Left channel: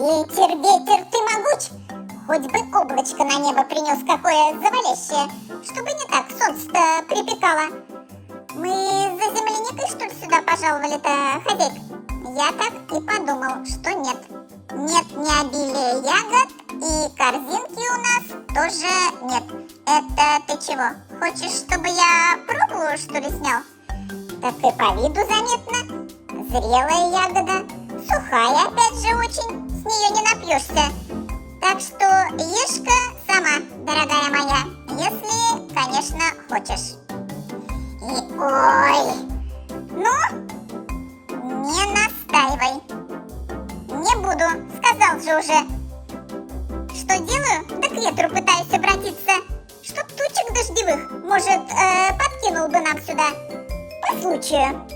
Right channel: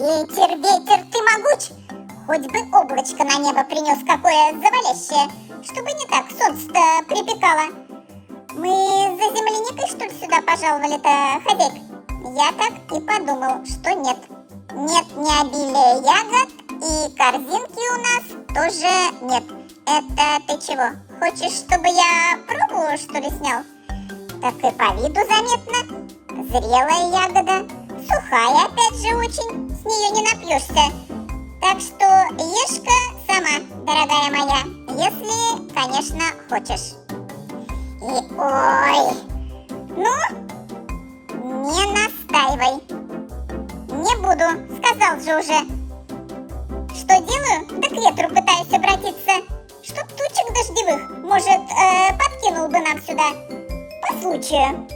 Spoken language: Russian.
Ветер, ветер, ты могуч. Хоть бы облачко на небо принес какое завалящее, чтобы не так солнце-то припекало. Мы за земляникой, что ли, сюда пожаловали-то, хозяйка? Я так и подумал, что нет. Нет ни обилия ягод, и корзинки у нас тоже нет. Это ты чего? Хочешь, чтобы я пробу, что ли, снял? Так и по виду заметно. Зрелая ягода, сухая опять же очень, с нее не напьешься. Так что ешь-ка сама, дорогая моя, если, конечно, хочешь. И ой, ну, не настаивай. Не буду, сказал же уже. Что делаю? Да к ветру пытаюсь обратиться. Чтоб тучек дождевых, может, подкинул бы нам сюда. По случаю.